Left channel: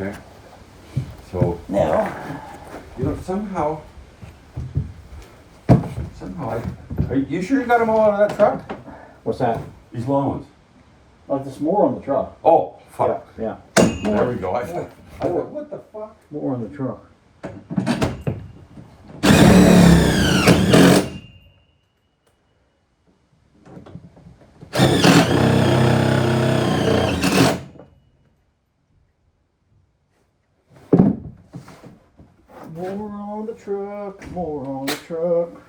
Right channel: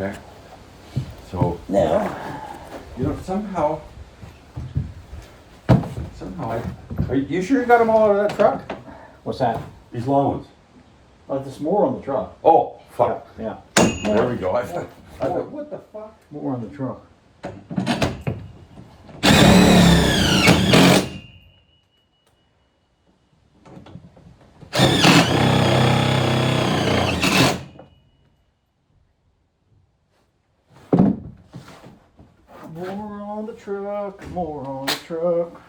Okay. So Now, you know somehow are you sure you got them all out of that truck? what's that? These long ones. Oh, there's more on the truck. Oh fuck. Yeah. There we go. I thought, what the fuck? More on the truck. More on the truck, more on the truck.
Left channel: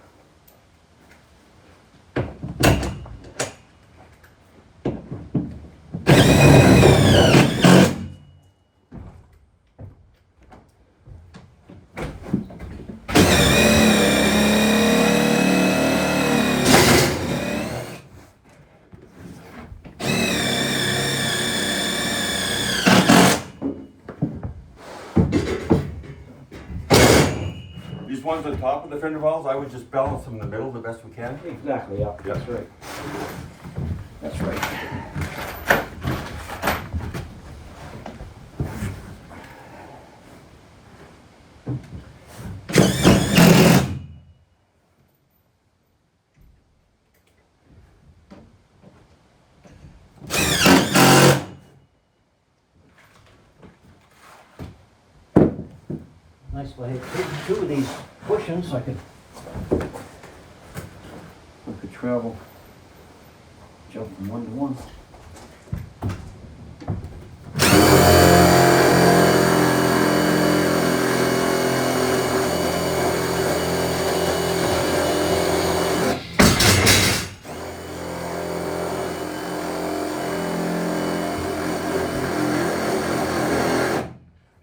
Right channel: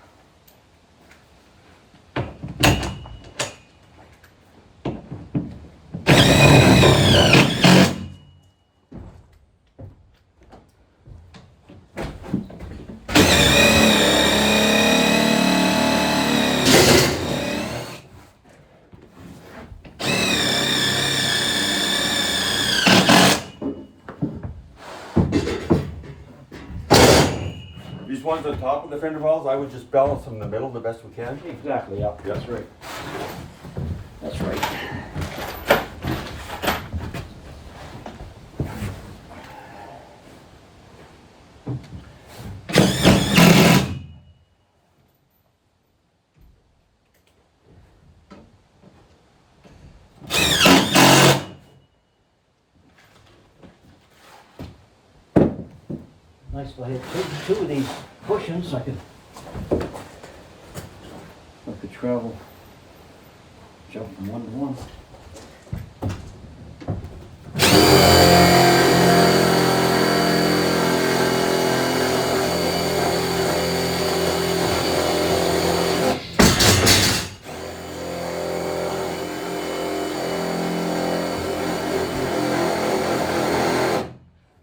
These ones on top of the fender wells, I would just balance them in the middle the best we can. Exactly, yeah. That's right. That's right. Nice if I had two of these cushions, I could travel, jump from one to one.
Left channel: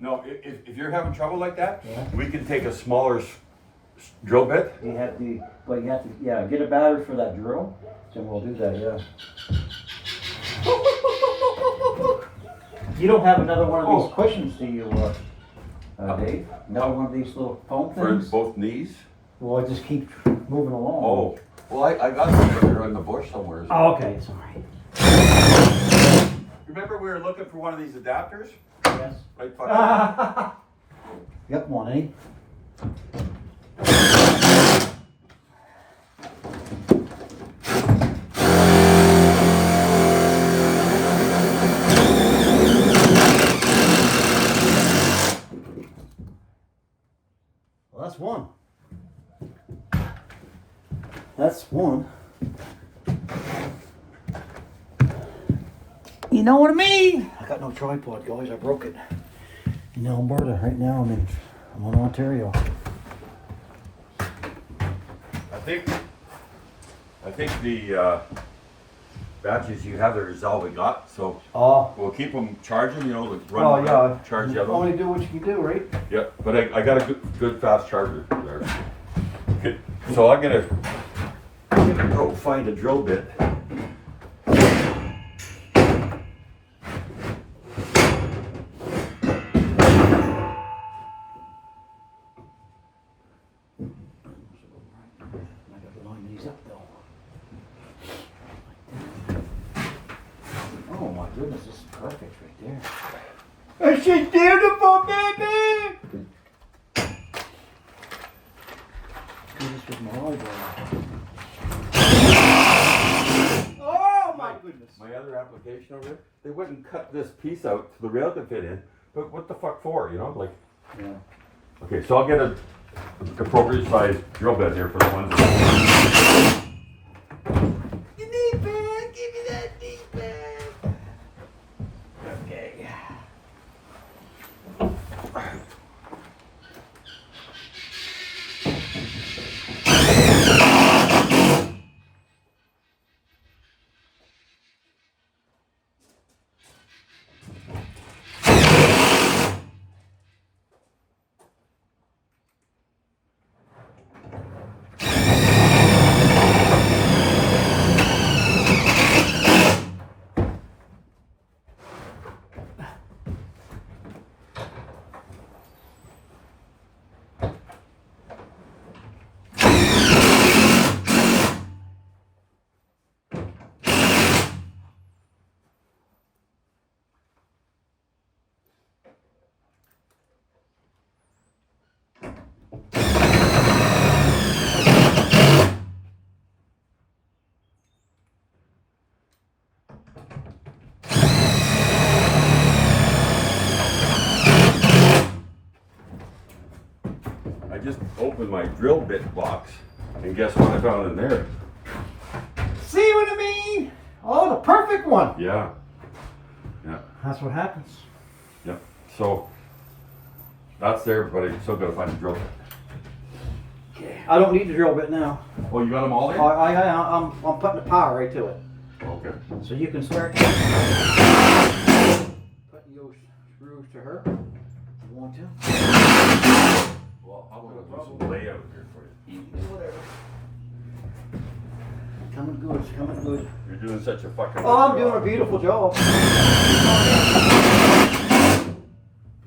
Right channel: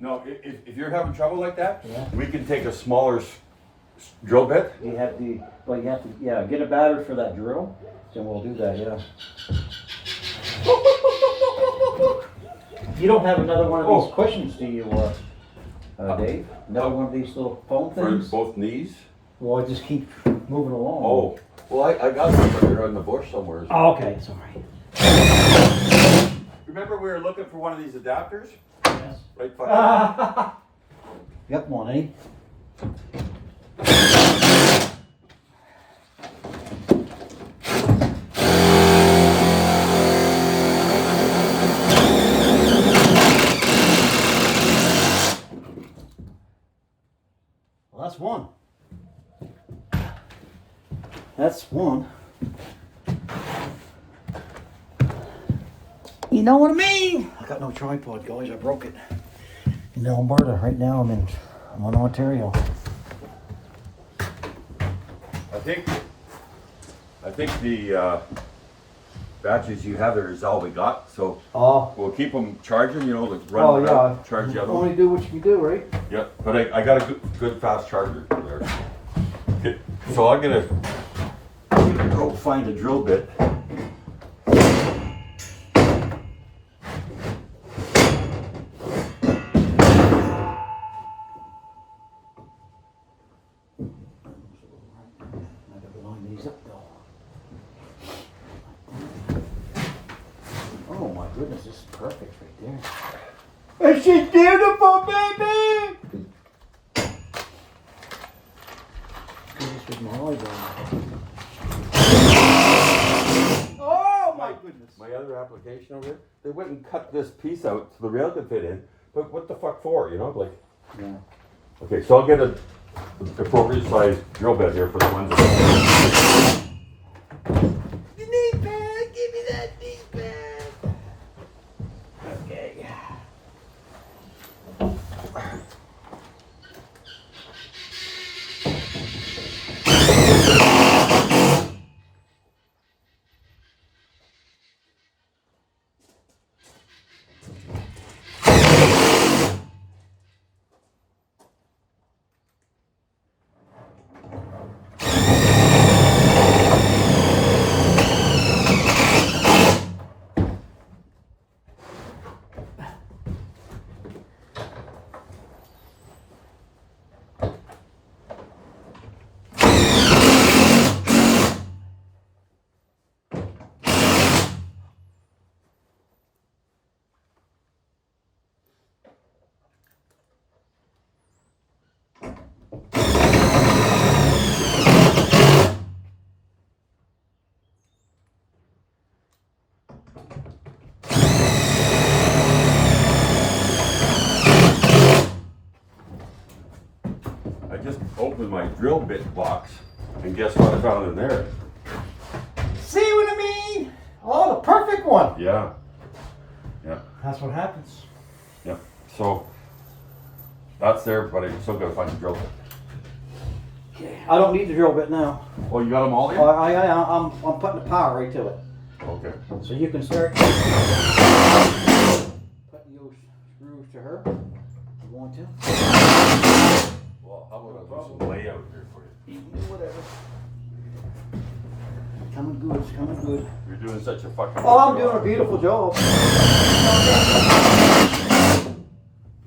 No, if you're having trouble like that, Yeah. we can take a smaller drill bit. You have to, but you have to, yeah, get a battery for that drill, then we'll do that, yeah. You don't have another one of these cushions, do you, Dave? Another one of these little foam For things? both knees. Well, I just keep moving along. Oh, well, I got some right in the bush somewhere. Oh, okay, it's all right. Remember we were looking for one of these adapters? Yes. Right fucking. Yep, one, eh? Well, that's one. That's one. You know what I mean? I got no tripod, guys. I broke it. In Alberta, right now I'm in Ontario. I think the batteries you have there is all we got, so Oh. we'll keep them charging, you know, like Oh, run yeah. out, charge the other Only one. do what you can do, right? Yep, but I got a good fast charger there. Okay, so I'm gonna go find a drill bit. I gotta line these up though. Oh my goodness, this is perfect right there. This is beautiful, baby! Do this with my eyeball. Oh my goodness. My other application over there, they went and cut this piece out so the rail could fit in, but what the fuck for, you know, like. Yeah. Okay, so I'll get a appropriate sized drill bit here for the ones that. The knee pad, give me that knee pad. Okay. opened my drill bit box, and guess what I found in there? See what I mean? Oh, the perfect one. Yeah. Yeah. That's what happens. Yeah. So that's there, but I still gotta find the drill bit. Okay. I don't need the drill bit now. Oh, you got them all there? I'm putting the power right to it. Okay. So you can start putting your screws to her if you want to. Well, how about I do some layout here for you? You can do whatever. Coming good, it's coming good. You're doing such a fucking. Oh, I'm doing a beautiful job.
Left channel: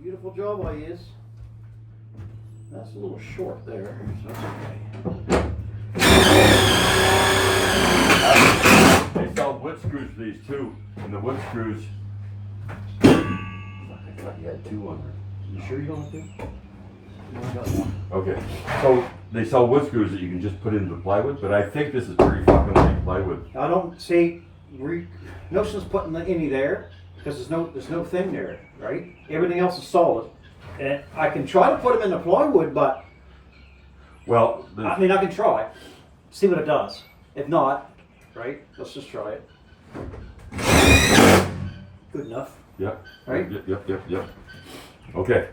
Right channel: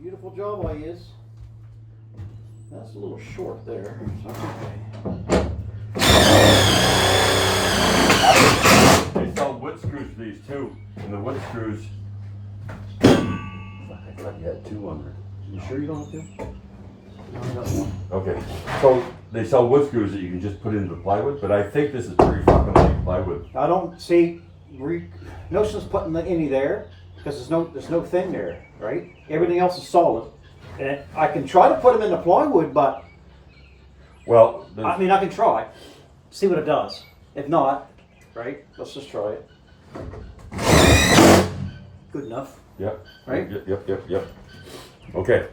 Beautiful job I is. That's a little short there, so that's okay. They sell wood screws for these too, and the wood screws. I thought you had two on there. You sure you don't have to? No, I got one. Okay, so they sell wood screws that you can just put into the plywood, but I think this is pretty fucking like plywood. I don't see no sense putting any there because there's no thing there, right? Everything else is solid, and I can try to put them in the plywood, but Well, I mean I can try, see what it does. If not, right? Let's just try it. Good enough. Yep. Right? Yep. Okay.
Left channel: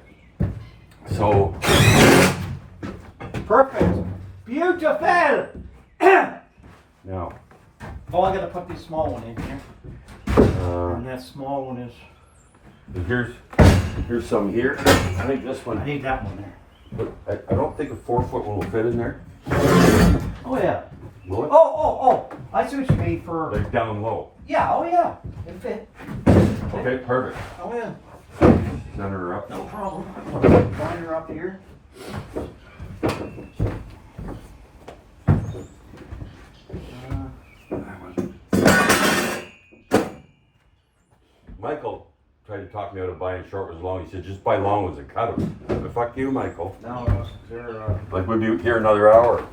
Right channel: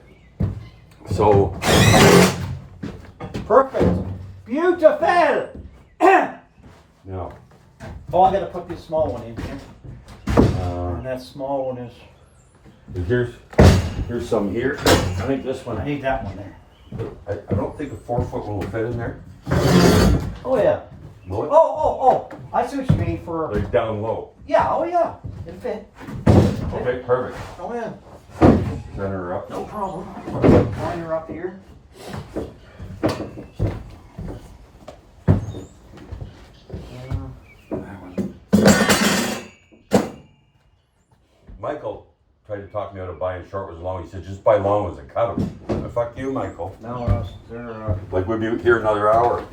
So, Perfect. Beautiful. now, Oh, I got to put this small one in here, and that small one is. here's some here. I think this I one, need that one there. but I don't think a 4-foot one will fit in there. Oh yeah. Will it? Oh! I see what you mean for. Like down low. Yeah. Oh yeah. It'll fit. Okay, perfect. Oh yeah. Center her up. No problem. Line her up here. Michael tried to talk me out of buying short was long. He said, just buy long ones and cut them. But fuck you, Michael. No, they're. Like we'd be here another hour.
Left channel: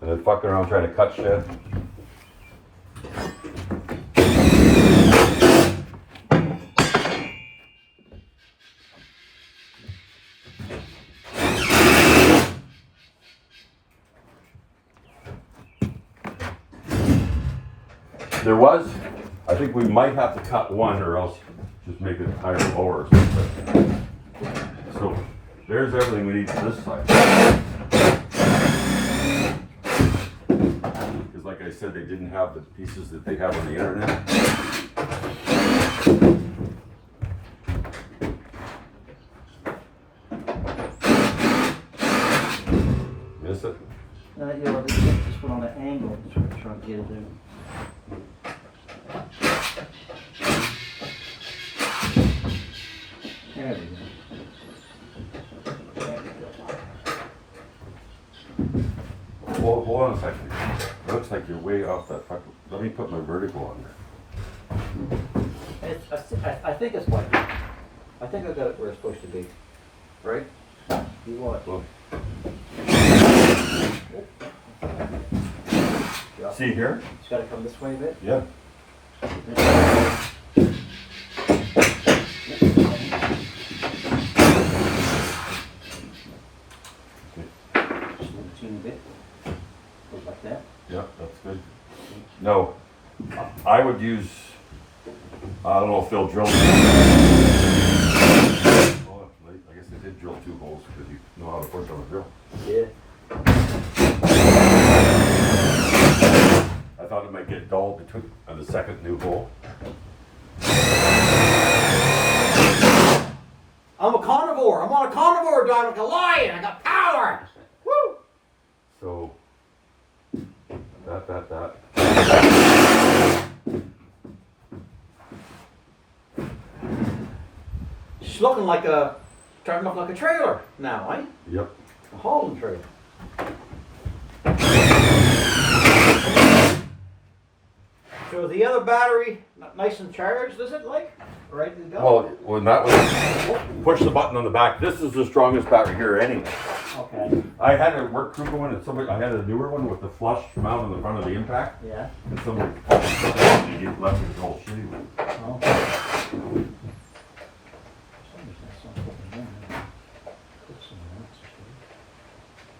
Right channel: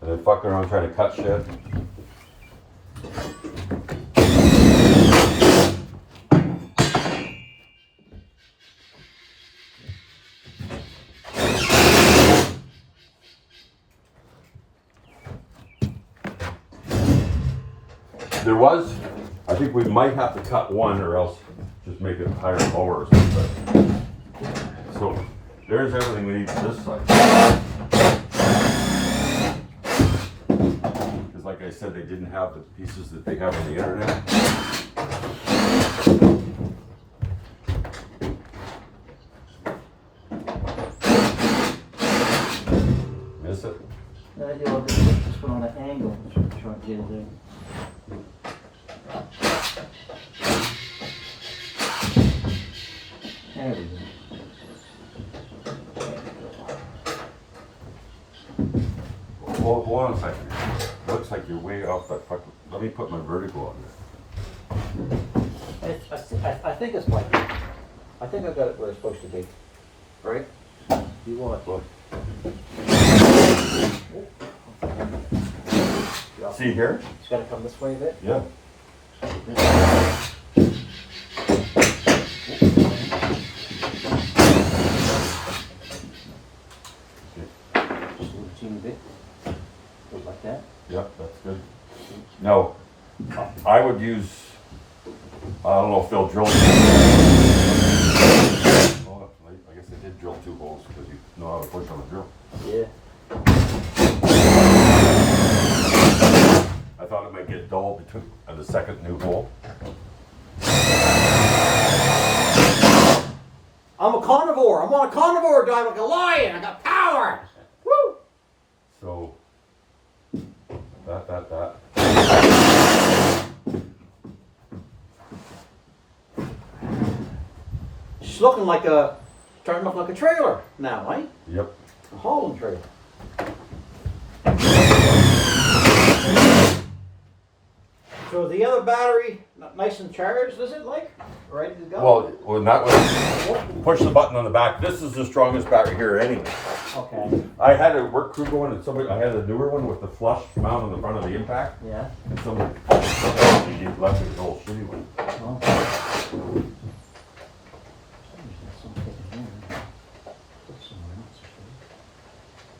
And then fucking around trying to cut shit. There was, I think we might have to cut one or else just make it higher and lower or something. So there's everything we need for this side. Because like I said, they didn't have the pieces that they have on the internet. Miss it? Yeah, this one on the angle. That's what I'm trying to get it there. There we go. There we go. Hold on a second. Looks like you're way off that fucking. Let me put my vertical on there. I think it's like that. I think I got it where it's supposed to be. Right? You what? Look. See here? It's got to come this way a bit. Yeah. Just a teeny bit. Goes like that. Yeah, that's good. No, I would use, I don't know if they'll drill. Oh, I guess they did drill 2 holes because you know how to push on a drill. Yeah. I thought it might get dull between the second new hole. I'm a carnivore. I'm on a carnivore diet like a lion. I got power. Woo! So, that. She's looking like a, starting to look like a trailer now, eh? Yep. A hauling trailer. So the other battery, nice and charged, is it like? Ready to go? Well, when that was, push the button on the back. This is the strongest battery here anyway. Okay. I had a work crew going and I had a newer one with the flush mount on the front of the impact. Yeah. And somebody left me the whole shitty one. Oh.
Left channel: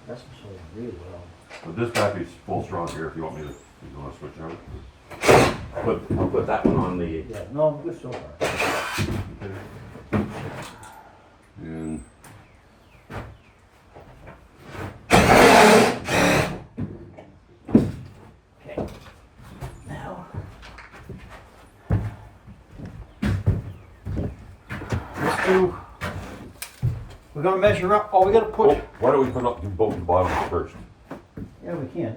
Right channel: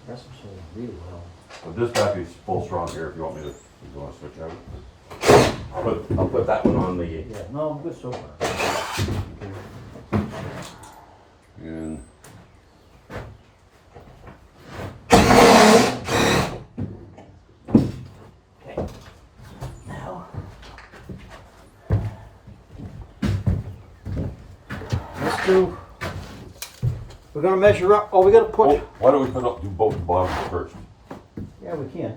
That's so really well. But this battery's full strong here if you want me to, if you wanna switch out. I'll put that one on the, Yeah, no, I'm good so far. and Okay. Now. Let's do, we're gonna measure up, we gotta put, why don't we put up, do both the bottoms first? yeah, we can.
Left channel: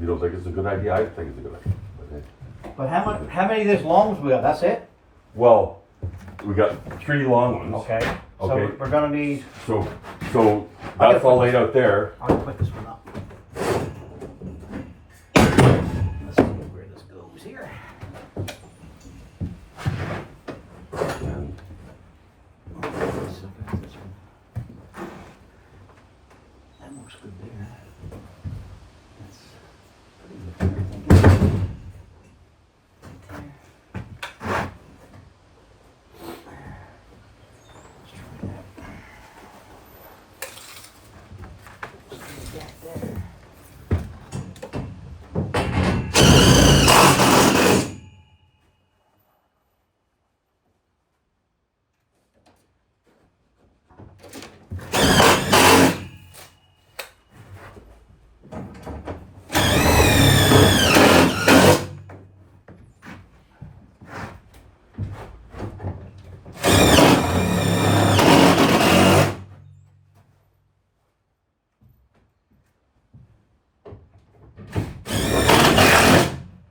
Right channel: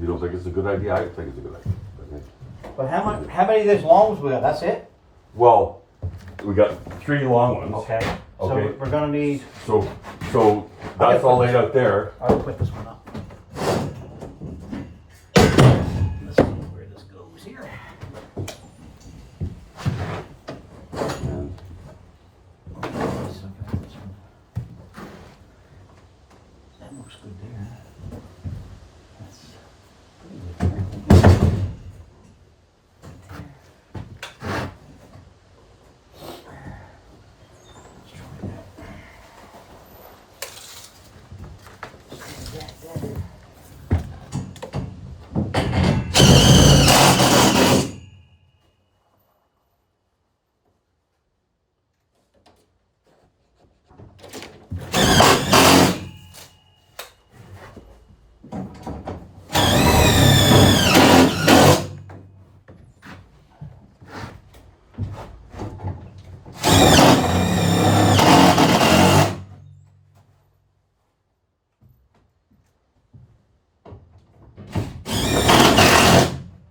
You don't think it's a good idea? I think it's a good idea. Okay. But how many of these long ones we got? That's it? Well, we got 3 long ones. Okay. So Okay. we're gonna need, So that's all laid out there. I'll put this one up. Let's see where this goes here. And That looks good there. That's pretty good.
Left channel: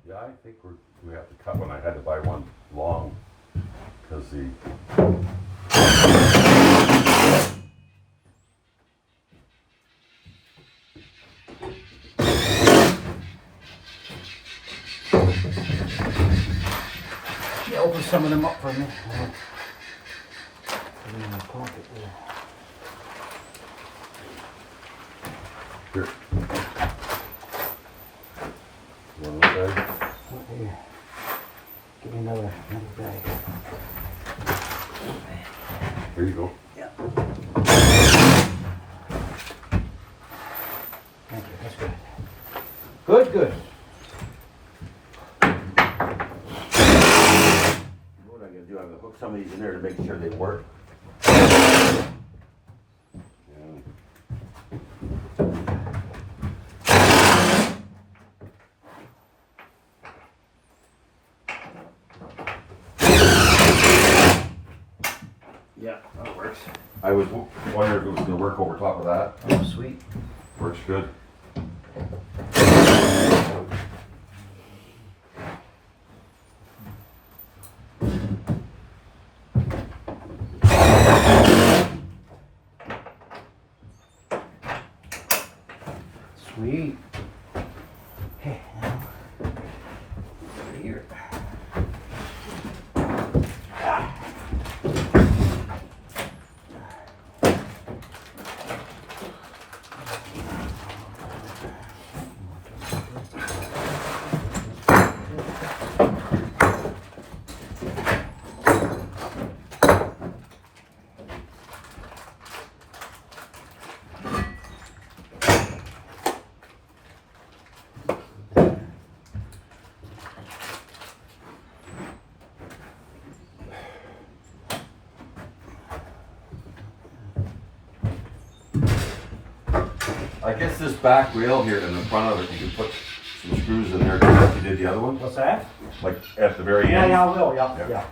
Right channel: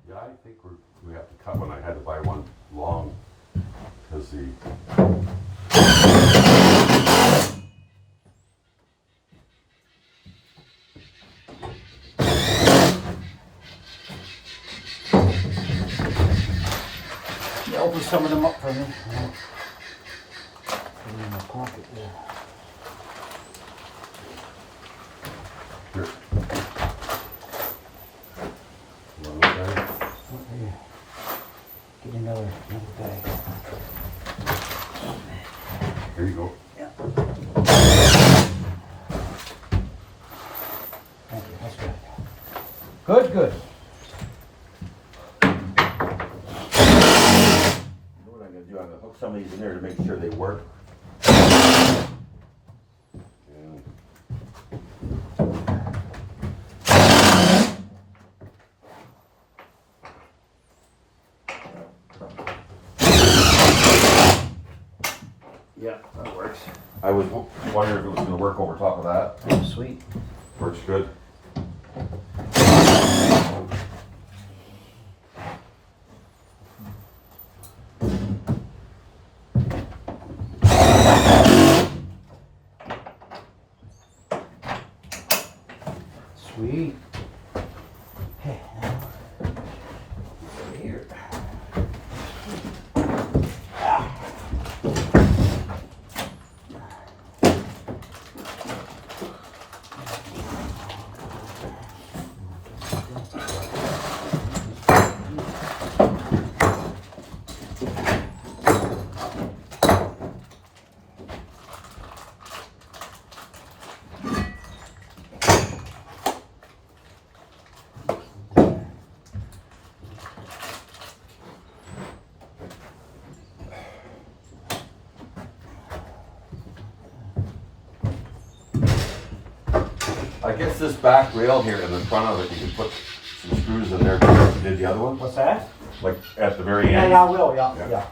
yeah, I think we have to cut one. I had to buy one long because the Yeah, open some of them up for me. Put them in my pocket there. here. You want this bag? Okay, here. Give me another bag. Here you go. Thank you, that's good. Good, good. What I'm gonna do, I'm gonna hook some of these in there to make sure they work. And Yeah, that works. I was wondering if it was gonna work over top of that. Oh, sweet. Works good. Sweet. Hey, now, over here. I guess this back rail here in the front of it, you can put some screws in there just like you did the other one, What's that? like at the very Yeah, end. yeah, I will, yeah, Yeah. yeah.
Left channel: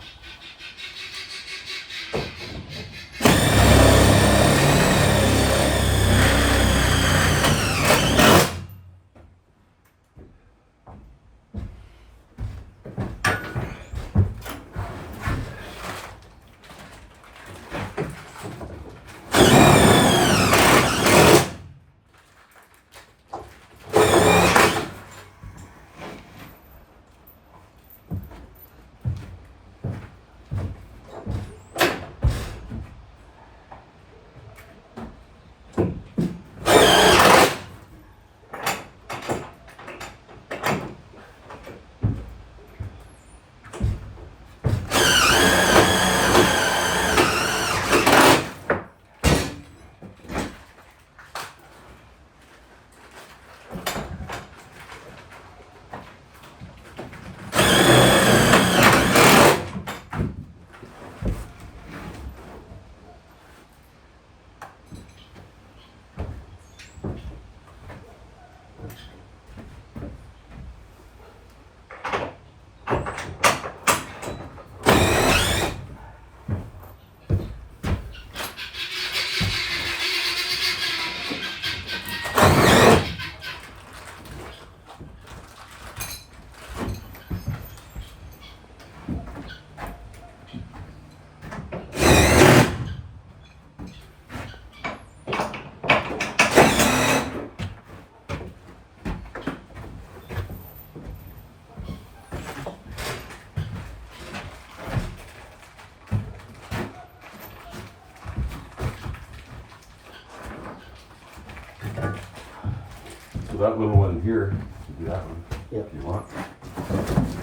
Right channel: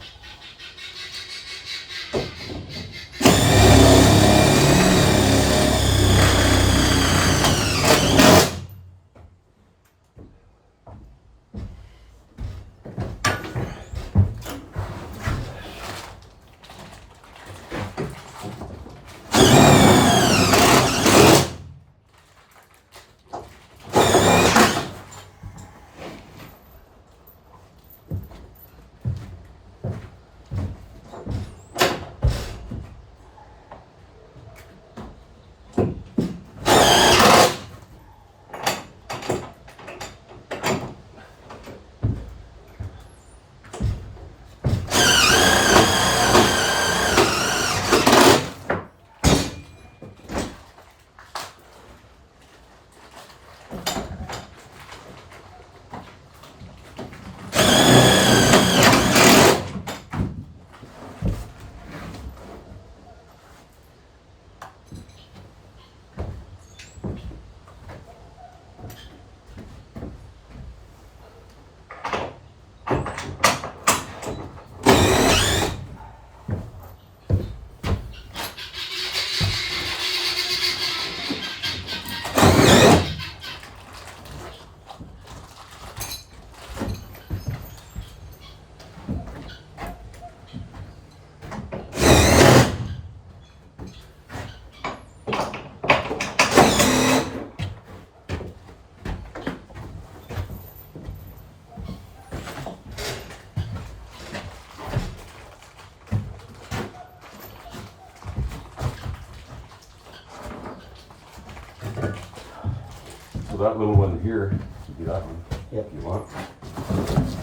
So that little one here, you do that one Yep. if you want.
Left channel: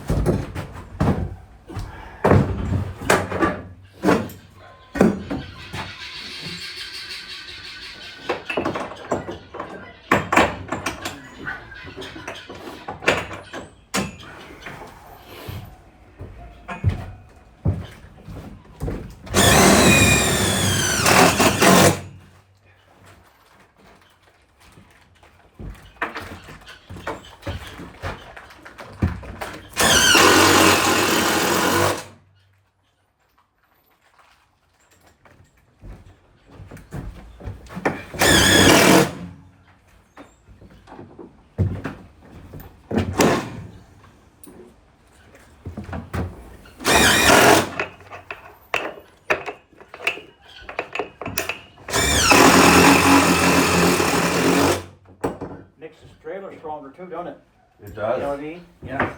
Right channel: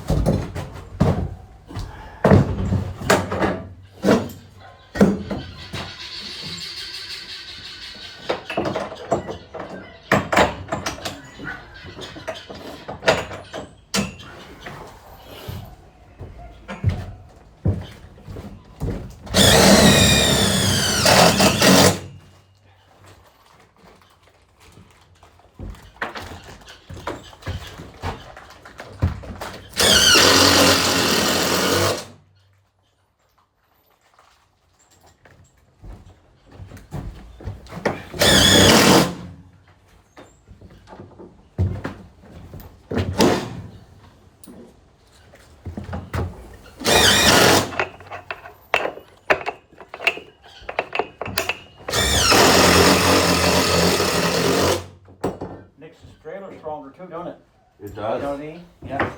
Makes this trailer stronger too, don't it? It You know does. what I mean? Yeah.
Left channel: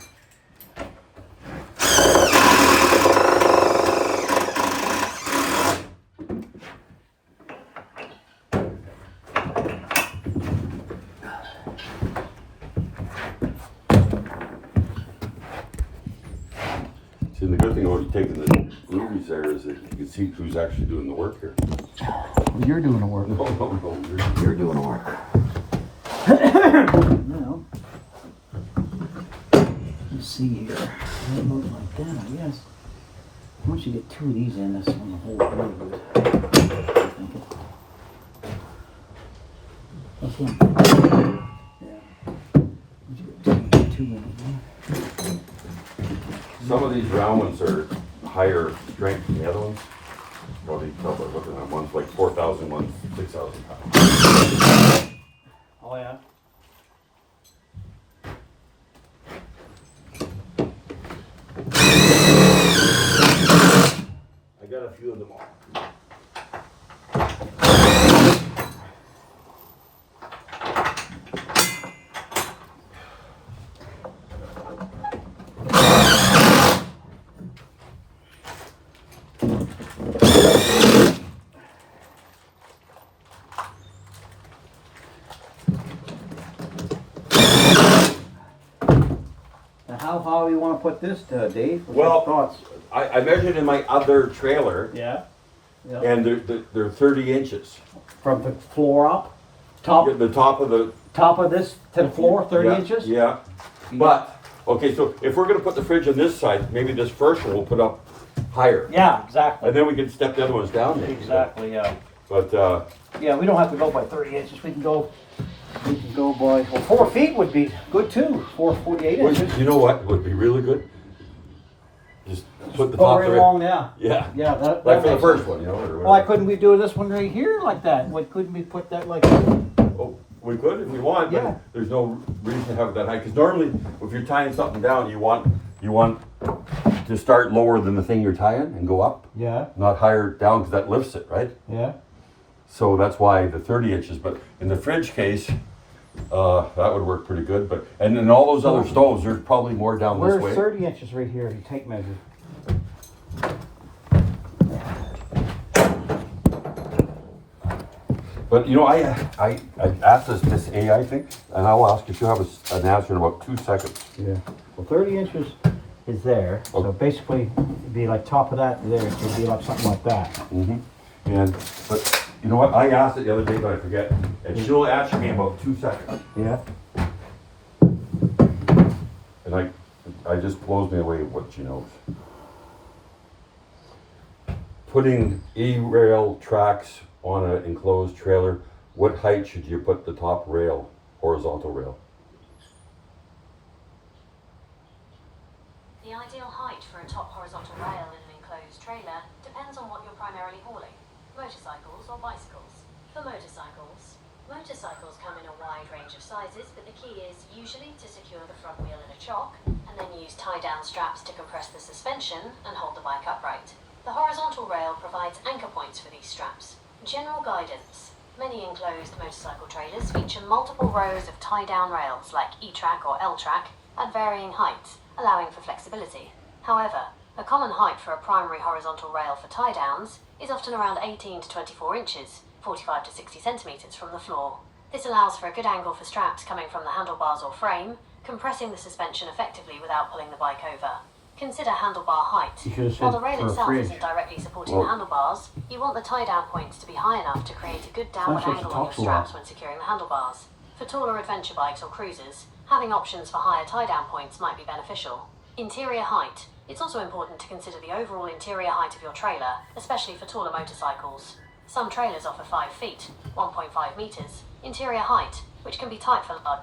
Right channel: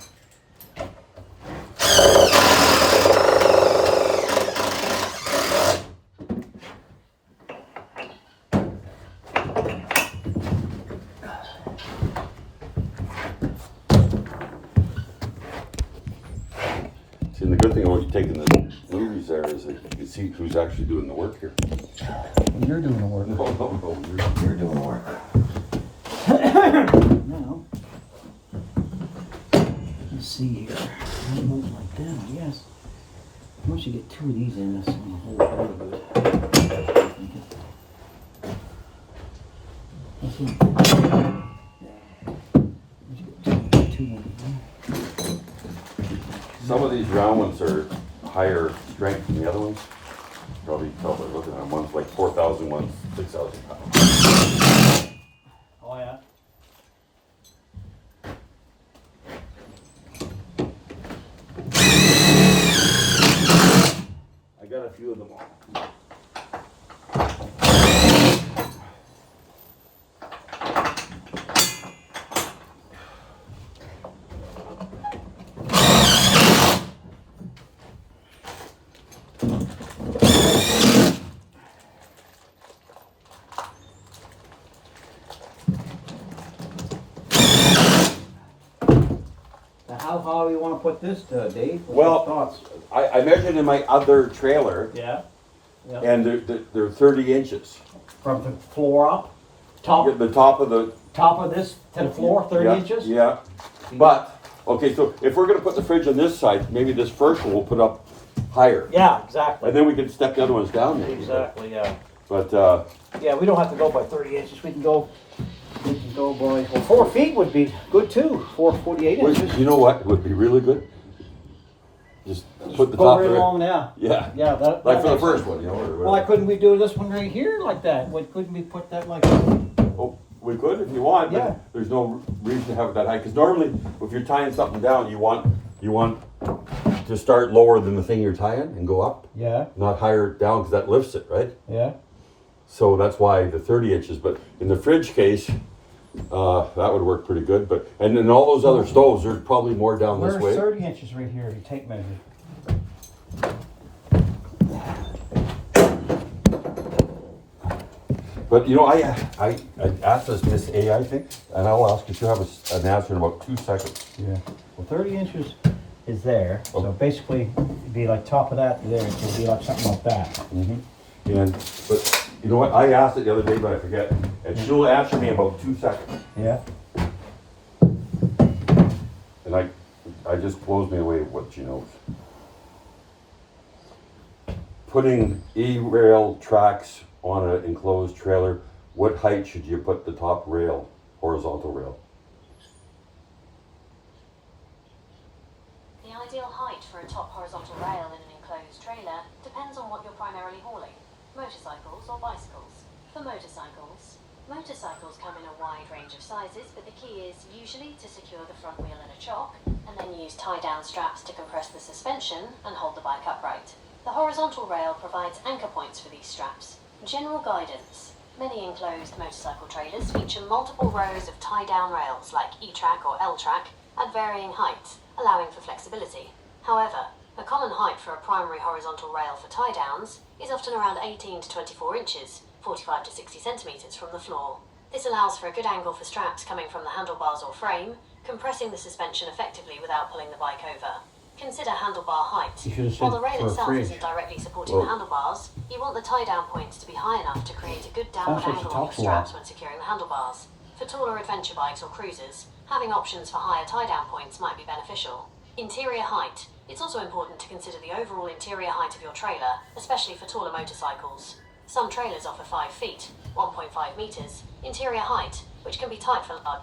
See, the good thing about taking the movies there is that you can see who's actually doing the work here. Well, you're doing the work. No, no, no, You're doing the work. Now, let's see here. It moves like that, I guess. Once you get two of these in, that's on the whole board. That's one. Yeah. Once you get two in there. Some of these round ones are higher strength than the other ones. You probably tell by looking at them. One's like 4,000, one's 6,000 pounds. Oh, yeah? I got a few of them all. Now, how high you want to put this, Dave? What's Well- your thoughts? I measured in my other trailer, Yeah. Yeah. and they're 30 inches. From the floor up, top The top of the of this to the floor, 30 yeah, inches. Yeah, but okay. So if we're gonna put the fridge on this side, maybe this first one we'll put up higher, Yeah, exactly. and then we can step the other ones down. Maybe. Exactly. Yeah. But Yeah, we don't have to go by 30 inches. We can go by. Well, 4 feet would be good too. 448 inches. you know what would be really good? Just put the Go top right there. along now. Yeah. Yeah, that. Like for the makes first sense. one, you know. Or Why couldn't we do this one right here like that? Why couldn't we put that like? Oh, we could if we want, but Yeah. there's no reason to have it that high. Because normally, if you're tying something down, you want to start lower than the thing you're tying and go up, Yeah. not higher down, because that lifts it, right? Yeah. So that's why the 30 inches. But in the fridge case, that would work pretty good. But and in all those other stoves, there's probably more down this Where's way. 30 inches right here? You take measure. But you know, I asked this AI thing, and I'll ask if you have an answer in about 2 seconds. Yeah. Well, 30 inches is there. So Okay. basically, it'd be like top of that there. It would be like something like that. And but you know what? I asked it the other day, but I forget. And she'll answer me in about 2 seconds. Yeah. And I just blows me away what she knows. Putting E-rail tracks on an enclosed trailer, what height should you put the top rail, horizontal rail? The ideal height for a top horizontal rail in an enclosed trailer depends on what you're primarily hauling, motorcycles or bicycles. For motorcycles come in a wide range of sizes, but the key is usually to secure the front wheel at a chock and then use tie-down straps to compress the suspension and hold the bike upright. The horizontal rail provides anchor points for these straps. General guidance. Many enclosed motorcycle trailers feature multiple rows of tie-down rails like E-track or L-track at varying heights, allowing for flexibility. However, the common height for a primary horizontal rail for tie-downs is often around 18 to 24 inches, 45 to 60 centimeters from the floor. This allows for a good angle for straps coming from the handlebars or frame, compressing the suspension effectively without pulling the bike over. Consider handlebar height. You should have While the said rail for a itself fridge. isn't directly supporting the handlebars, you want the tie-down points to be high enough to create a good downward Sounds like angle she on your talks a lot. straps when securing the handlebars. For taller adventure bikes or cruisers, having options for higher tie-down points might be beneficial. Interior height. It's also important to consider the overall interior height of your trailer, especially for taller motorcycles. Some trailers offer 5 feet, 1.5 meters, interior height, which can be tight for large.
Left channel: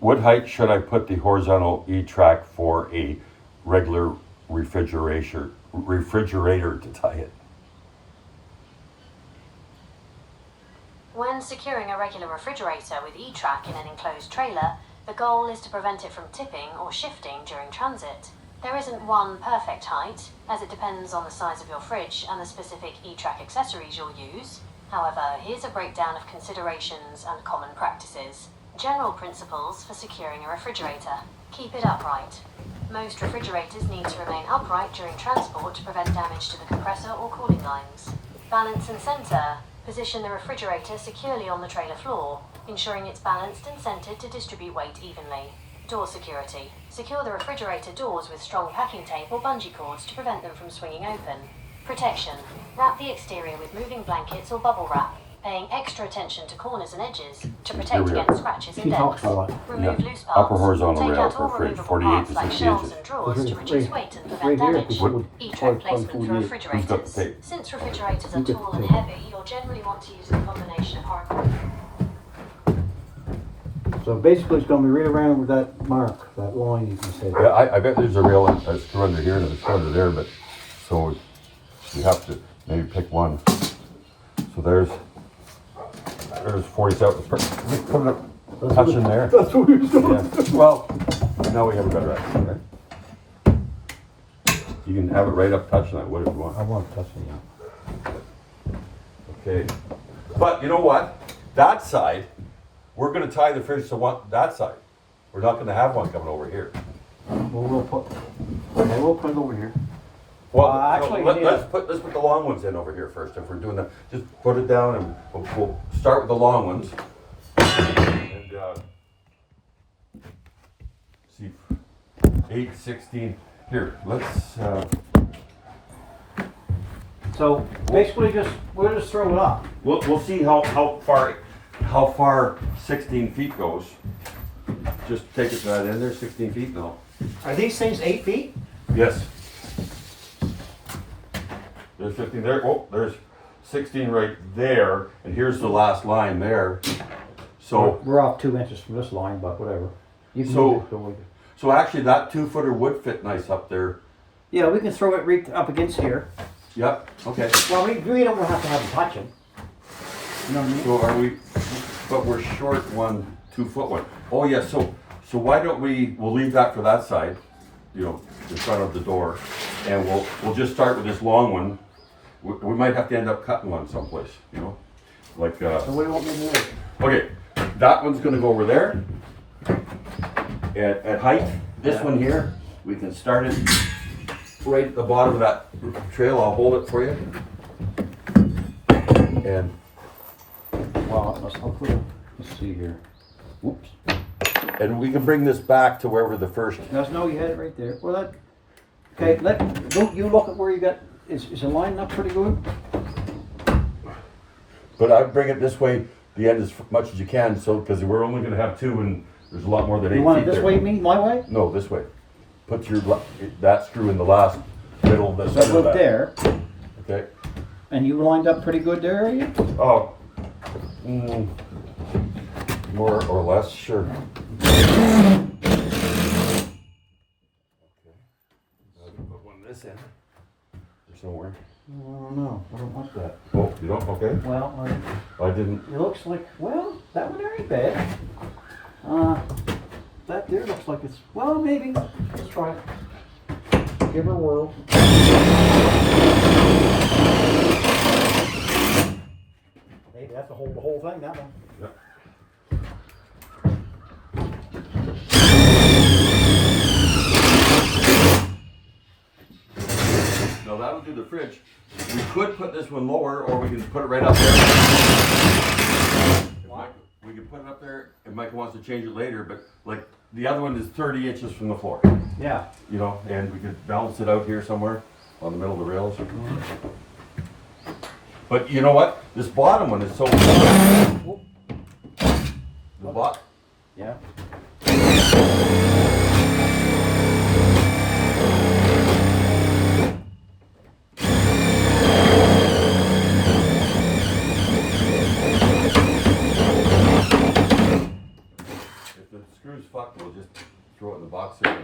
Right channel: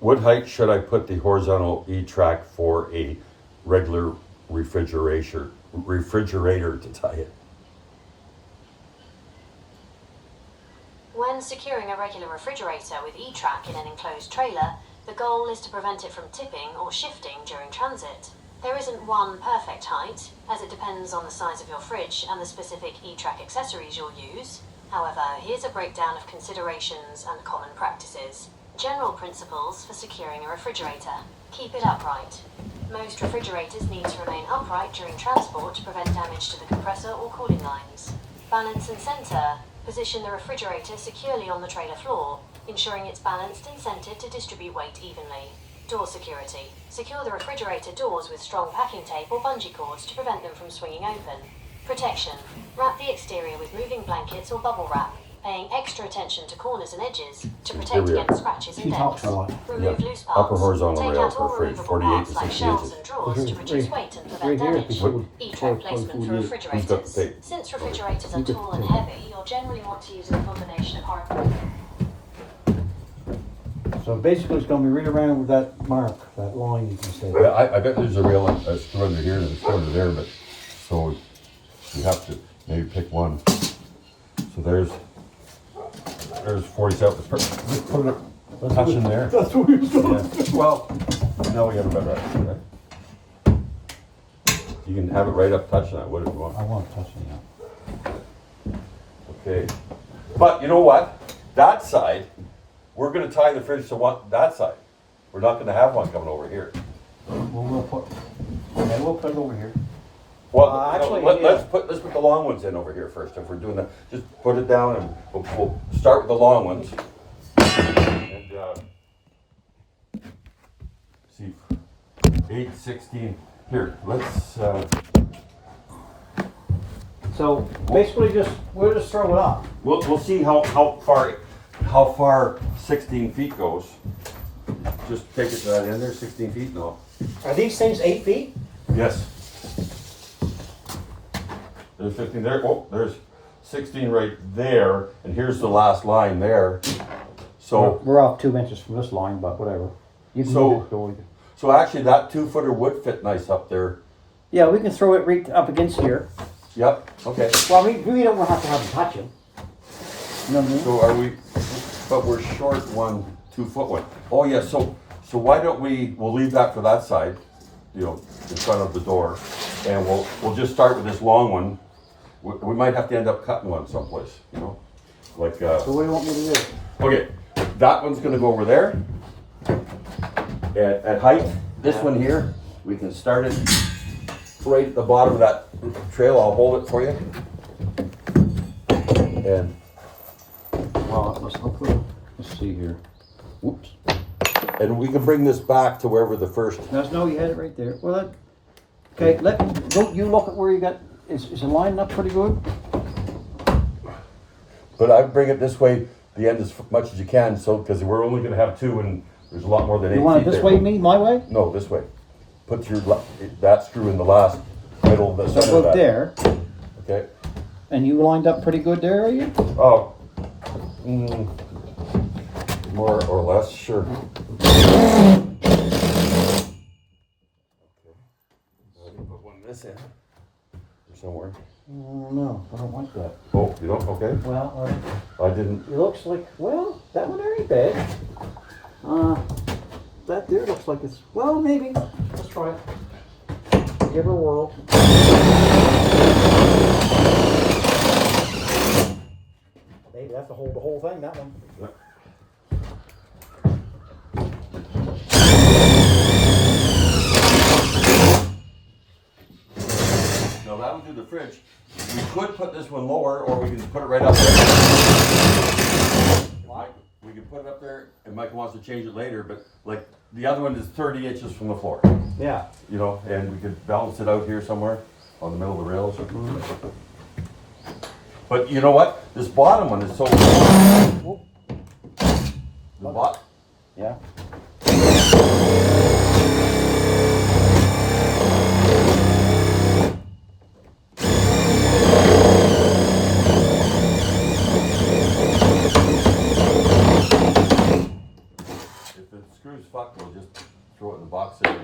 What height should I put the horizontal E-track for a regular refrigerator to tie it? When securing a regular refrigerator with E-track in an enclosed trailer, the goal is to prevent it from tipping or shifting during transit. There isn't one perfect height, as it depends on the size of your fridge and the specific E-track accessories you'll use. However, here's a breakdown of considerations and common practices. General principles for securing a refrigerator. Keep it upright. Most refrigerators need to remain upright during transport to prevent damage to the compressor or cooling lines. Balance and center. Position the refrigerator securely on the trailer floor, ensuring it's balanced and centered to distribute weight evenly. Door security. Secure the refrigerator doors with strong packing tape or bungee cords to prevent them from swinging open. Protection. Wrap the exterior with moving blankets or bubble wrap, paying extra attention to corners and edges to protect we are. against scratches and She talks dents. a lot. Remove Yeah. loose parts. Upper horizontal Take rail out for all a fridge, removable 48 parts to like 60 shelves inches. and drawers to reduce weight and prevent Right here, damage. because she would E-track probably placement for 48. Who's got the refrigerators. tape? Since refrigerators are You got tall the and tape. heavy, you'll generally want to use a combination of horizontal. So basically it's gonna be right around with that mark, that line you can say. Yeah, I bet there's a rail, a screw under here and a screw under there, but, so you have to maybe pick one. So there's 47, put a touch in there. That's what he was doing. Yeah. Well, now we have a better idea, right? You can have it right up touching that, what if you want. I want to touch it. Okay, but you know what? That side, we're gonna tie the fridge to that side. We're not gonna have one coming over here. Well, we'll put it over here. Well, Actually, let's put the long ones in over here first. If we're doing that, just put it down and we'll start with the long ones. And see, 8, 16. Here, let's. So basically we'll just throw it up. We'll see how far 16 feet goes. Just take it to that end there, 16 feet. No. Are these things 8 feet? Yes. There's 15 there. Oh, there's 16 right there, and here's the last line there. So, We're off 2 inches from this line, but whatever. You can So- move it, go with it. so actually that 2-footer would fit nice up there. Yeah, we can throw it right up against here. Yep. Okay. Well, we really don't have to have them touching. You know what I mean? So are we? But we're short 1 2-foot one. Oh yeah. So why don't we'll leave that for that side, you know, in front of the door, and we'll just start with this long one. We might have to end up cutting one someplace, you know, like. So what do you want me to do? Okay, that one's gonna go over there. At height, this one here, we can start it right at the bottom of that trail. I'll hold it for you. And Well, let's see here. Whoops. we can bring this back to wherever the first. No, you had it right there. Well, okay, don't you look at where you got, is the line up pretty good? But I would bring it this way, the end as much as you can, so, because we're only gonna have 2 and there's a lot more than 8 You feet want it this there. way, me, my way? No, this way. Put that screw in the last middle of the So center of go that. there, Okay. and you lined up pretty good there, are you? Oh. More or less, sure. Okay. Put one this in. Or somewhere. No, I don't want that. Oh, you don't? Okay. Well, I didn't. it looks like, well, that one ain't bad. That there looks like it's, well, maybe, let's try it. Give her a whirl. Maybe that's the whole thing, that one. Yeah. Now that would do the fridge. We could put this one lower, or we can put it right up there. we can put it up there, and Mike wants to change it later, but like, the other one is 30 inches from the floor, Yeah. you know, and we could balance it out here somewhere on the middle of the rails. But you know what? This bottom one is so. Oop. The bot. Yeah. If the screw's fucked, we'll just throw it in the box there.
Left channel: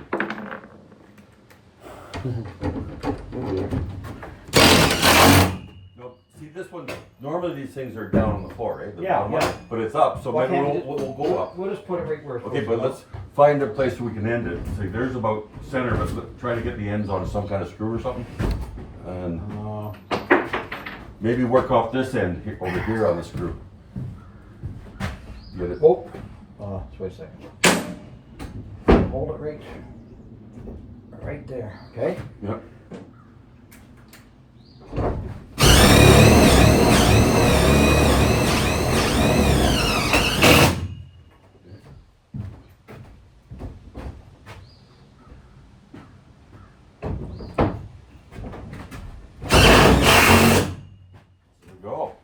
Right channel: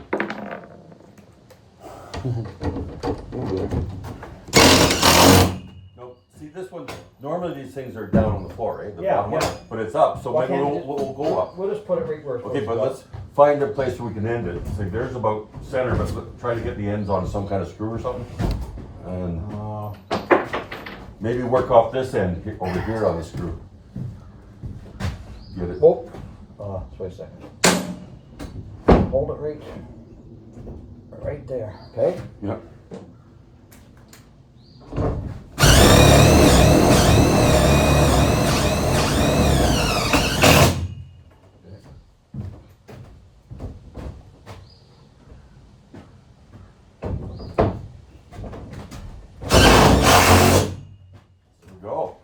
No, see this one. Normally these things are down on the floor, right? The Yeah, bottom one, yeah. but it's up, so Why maybe can't we'll, we just- we'll go up. We'll just put it right where it's Okay, supposed but to go. let's find a place where we can end it. See, there's about center, but try to get the ends on some kind of screw or something. And maybe work off this end over here on the screw. Get it? Oh, just wait a second. Hold it right there, okay? Yep. There we go.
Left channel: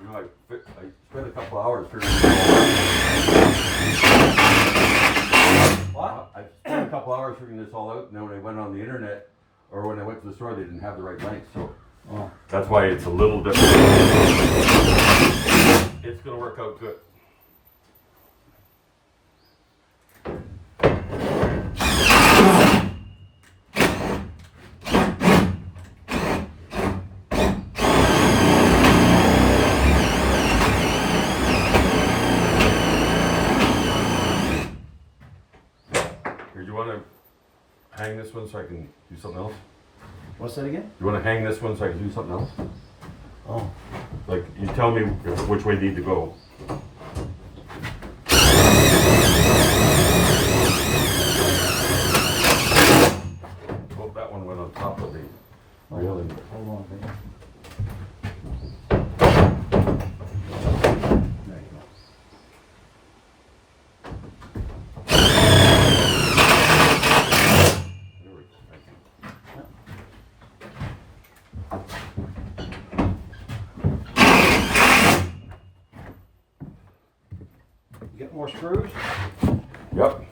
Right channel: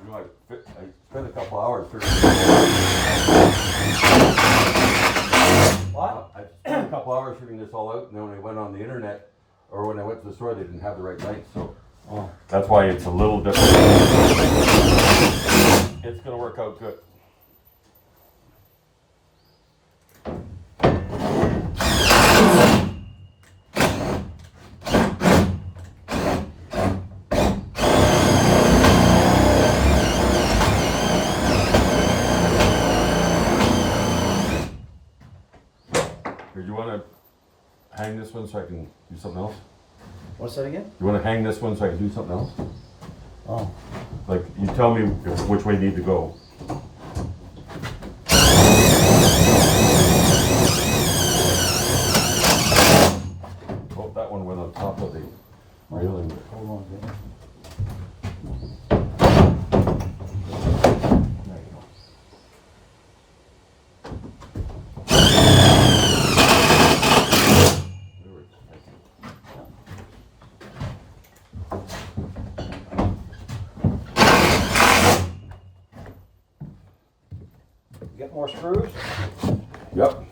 You know, I spent a couple hours figuring this all What? out. I spent a couple hours figuring this all out, and then when I went on the internet, or when I went to the store, they didn't have the right length, so Oh. that's why it's a little different. It's gonna work out good. Here, do you wanna hang this one so I can do something else? What's that again? You wanna hang this one so I can do something else? Oh. Like, you tell me which way you need to go. Oh, that one went on top of the railing. Hold on a second. There you go. There we go. Thank you. Get more screws? Yep.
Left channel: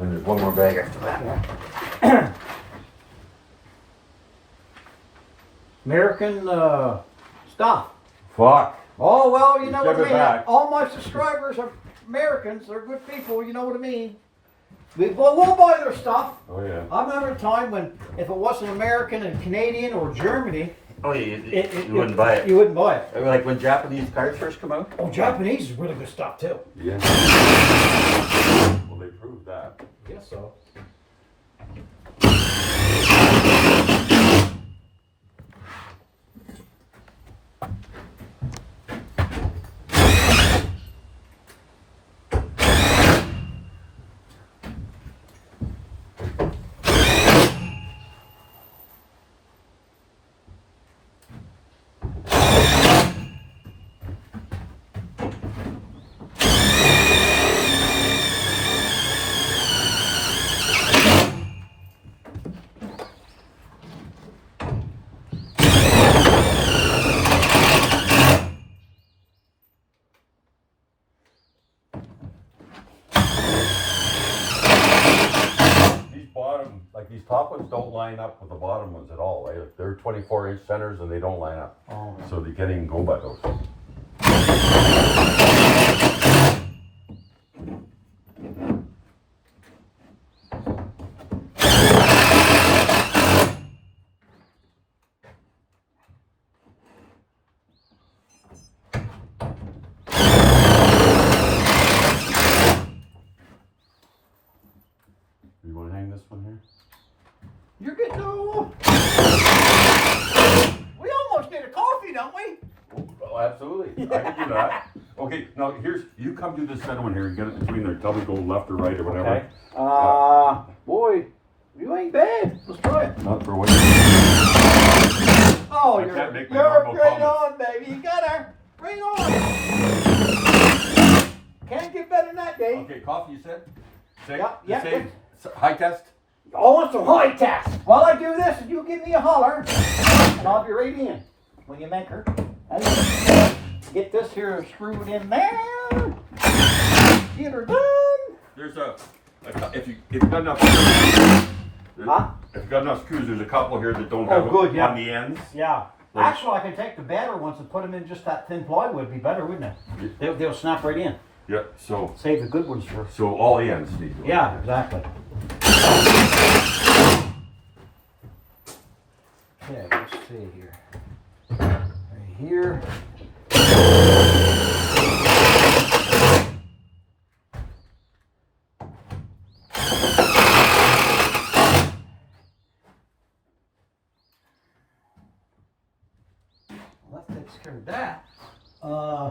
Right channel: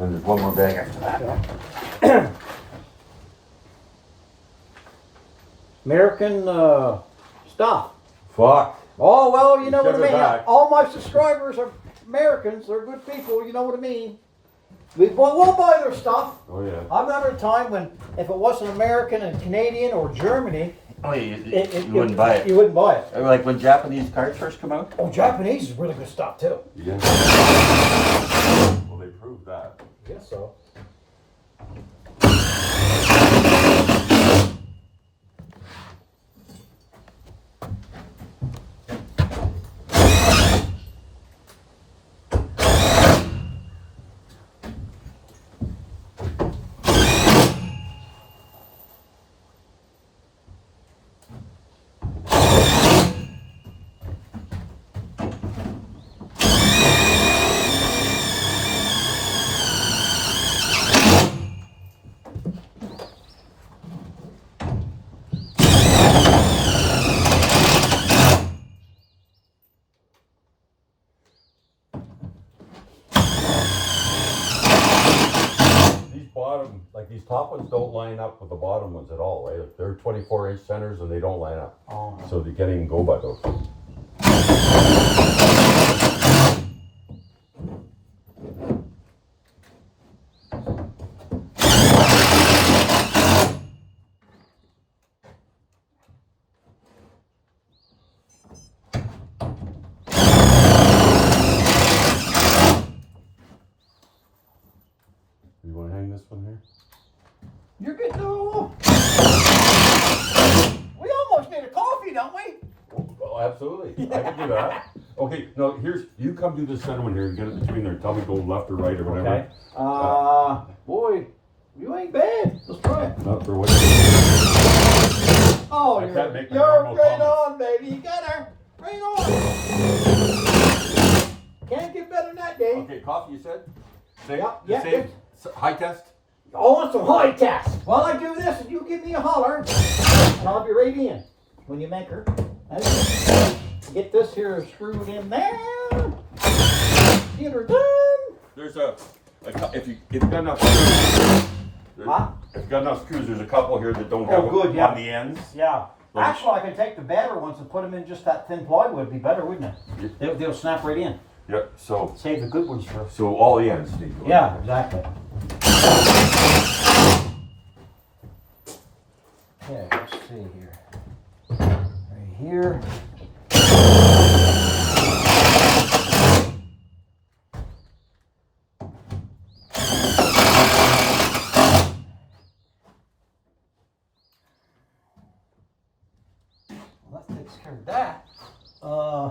And there's one more bag after that. American stuff. Fuck. Oh, well, you know Give what I it mean. back. All my subscribers are Americans. They're good people. You know what I mean. We'll buy their stuff. Oh, yeah. I remember a time when if it wasn't American and Canadian or Germany, Oh, you wouldn't buy it. You wouldn't buy it. Like when Japanese cars first come out? Oh, Japanese is really good stuff too. Yeah. Well, they proved that. Guess so. These top ones don't line up with the bottom ones at all. They're 24-inch centers and they don't line up. Oh. So they can't even go by those. for that. Okay, now here's, you come do this center one here, you get it between there, tell me go left or right or whatever. Okay. Boy, you ain't bad. Let's try it. Not for what. Oh, I can't make my you're normal right comments. on, baby. You got her. Right on. Can't get better than that, Dave. Okay, coffee, you said? Same, Yeah, the yeah, same, high test? I want some high test. While I do this, you give me a holler, and I'll be right in when you make her. And get this here screwed in there. Get her done. There's if you got enough screws, Huh? if you got enough screws, there's a couple here that don't have good, yeah. on the ends. Yeah. Actually, I can take the better ones and put them in just that thin plywood. It'd be better, wouldn't it? They'll snap right in. Yeah, so Save the good ones for. all the ends need to. Yeah, exactly. Okay, let's see here. Right here. Well, that takes care of that. Yeah.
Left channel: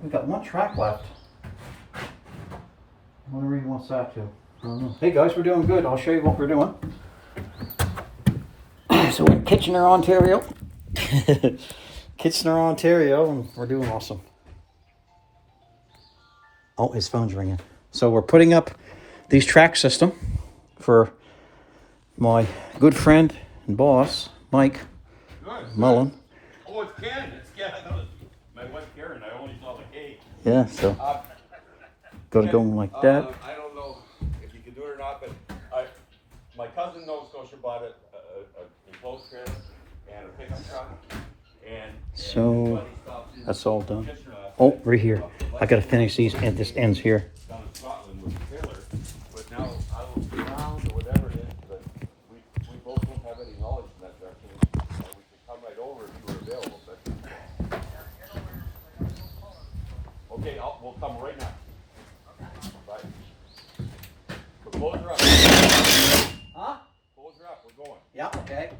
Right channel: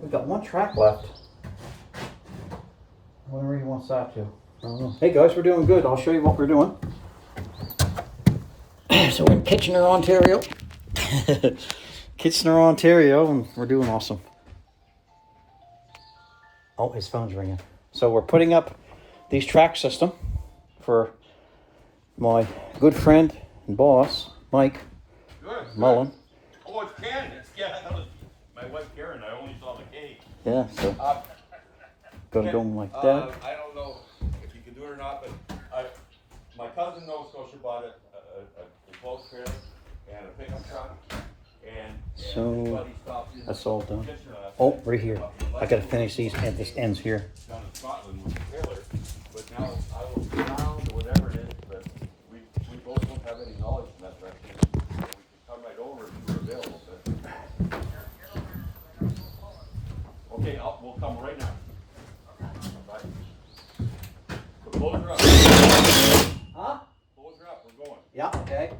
We got one track left. Whatever he wants that to. I don't know. Hey guys, we're doing good. I'll show you what we're doing. So we're in Kitchener, Ontario. Kitchener, Ontario, and we're doing awesome. Oh, his phone's ringing. So we're putting up these track system for my good friend and boss, Mike Mullen. Oh, it's Candace. Yeah, I noticed. My wife Karen, I only saw the cake. Yeah, so got to go like that. I don't know if you can do it or not, but my cousin Nova Scotia bought a enclosed trailer and a pickup truck, and So everybody stopped in that's all done. Kitchener last Oh, night. right here. I got to finish these, and this ends here. Down in Scotland with the trailer, but now I don't know or whatever it is, but we both don't have any knowledge in that direction. So we could come right over if you were available. But... Okay, we'll come right now. Bye. But close her up. Huh? Close her up. We're going. Yeah, okay.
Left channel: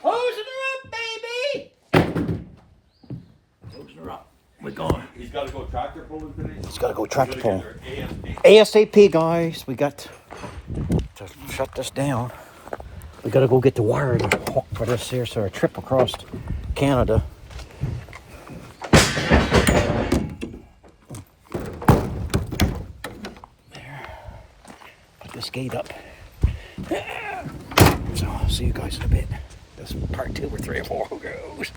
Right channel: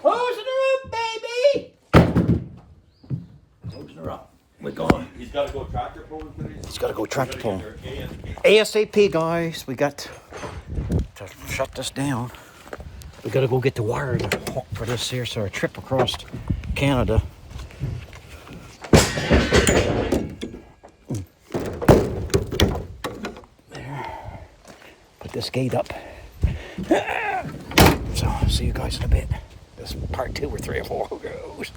Closing her up, baby! Closing her up. We're going. He's got to go tractor pulling today. He's got to go tractor Pull. pull. ASAP, guys. We got to shut this down. We got to go get the wire for this here, so our trip across Canada. There. Put this gate up. So, see you guys in a bit. This is part 2 or 3 or 4 goes.